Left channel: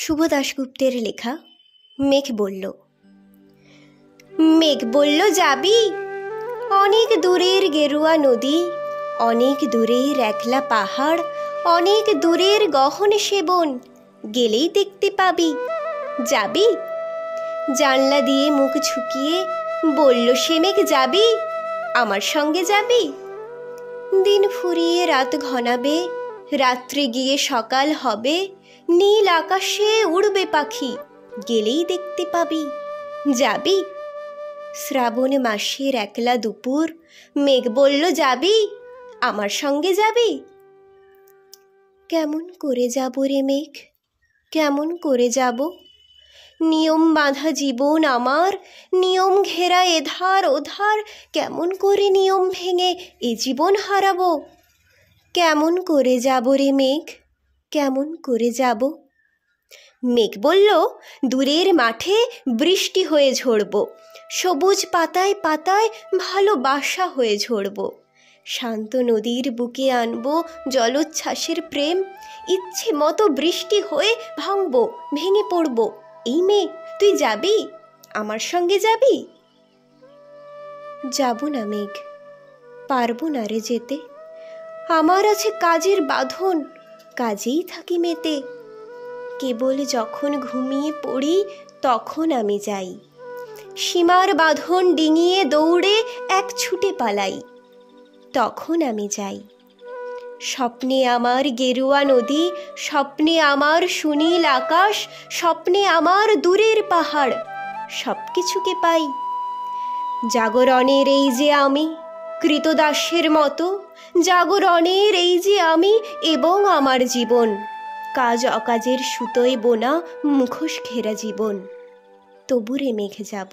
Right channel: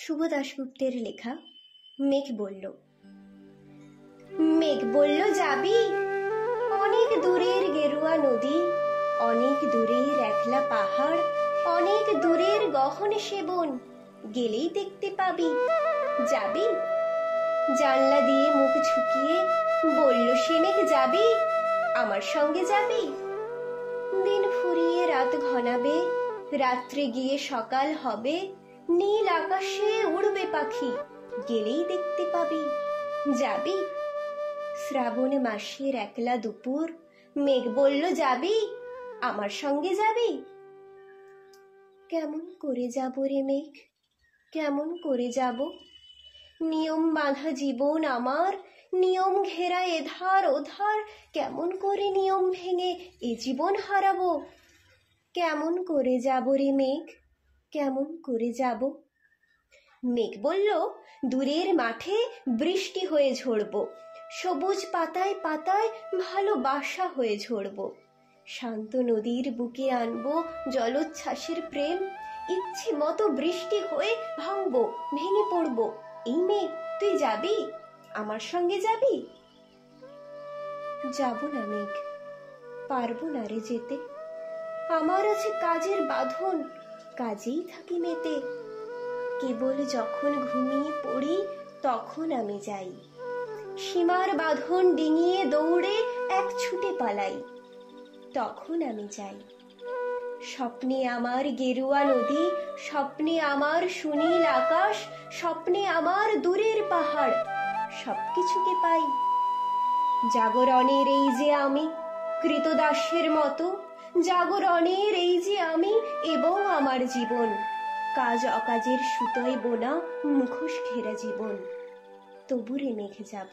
শুভ দাশগুপ্তের লেখা মেঘ বলল। মেঘ বলল, যাবি? অনেক দূরের গেরুয়া নদী, অনেক দূরের একলা পাহাড়, অনেক দূরের গহন সেবন, গেলেই দেখতে পাবি। যাবি? জানলা দিয়ে মুখ ঝুঁকিয়ে বলল সে মেঘ, যাবি? আমার সঙ্গে যাবি? দিন ফুরিয়ে রাত ঘনাবে, রাত্রে গিয়ে সকাল হবে, নীল আকাশে উড়বে পাখি, গেলেই দেখতে পাবি। যাবি? শ্রাবণ মাসের একলা দুপুর, মেঘ বলল, যাবি? আমার সঙ্গে যাবি? কেমন করে যাব রে মেঘ, কেমন করে যাব? নিয়ম বাঁধা জীবন আমার, নিয়ম ঘেরা এধার ওধার, কেমন করে নিয়ম ভেঙে এ জীবন হারাবো? কেমন করে যাব রে মেঘ, কেমন করে যাব? মেঘ বলল, দূরের মাঠে বৃষ্টি হয়ে ঝরব, সবুজ পাতায় পাতায় ভালোবাসা হয়ে ঝরব, শান্ত নদীর বুকে আনবো জলোচ্ছ্বাসের প্রেম, ইচ্ছে মতো বৃষ্টি হয়ে ভাঙব, ভেঙে পড়ব। এই মেঘ, তুই যাবি? আমার সঙ্গে যাবি? যাব না মেঘ, পারবো না রে যেতে, আমার আছে কাজের বাঁধন, কাজেই থাকি মেতে। কেবল যখন ঘুমিয়ে পড়ি তখন আমি যাই, সীমার বাঁধন ডিঙিয়ে দৌড়ে এক ছুটে পালাই, তখন আমি যাই। স্বপ্নে আমার গেরুয়া নদী, স্বপ্নে আমার সুনীল আকাশ, স্বপ্নে আমার দূরের পাহাড়, সব কিছুকে পাই। জাগরণের এই যে আমি কৃতদাসের মতো, জাগরণের এই যে আমি এবং আমার জীবন, কাজ অকাজের সুতোয় বোনা মুখোশ ঘেরা জীবন। তবু রে মেঘ যাব,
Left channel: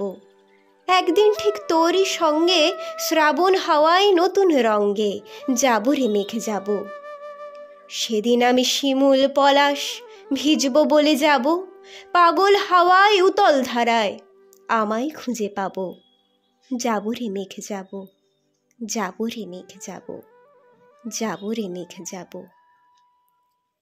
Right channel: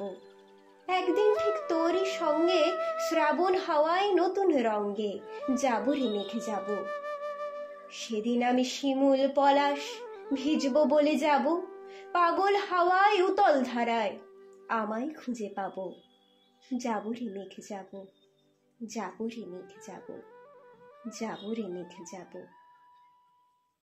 একদিন ঠিক তোরই সঙ্গে শ্রাবণ হাওয়ায় নতুন রঙ্গে যাব রে মেঘ যাব। সেদিন আমি শিমুল পলাশ ভিজব বলে যাব, পাগল হাওয়ায় উতল ধারায় আমায় খুঁজে পাবো। যাব রে মেঘ যাব, যাব রে মেঘ যাব, যাব রে মেঘ যাব।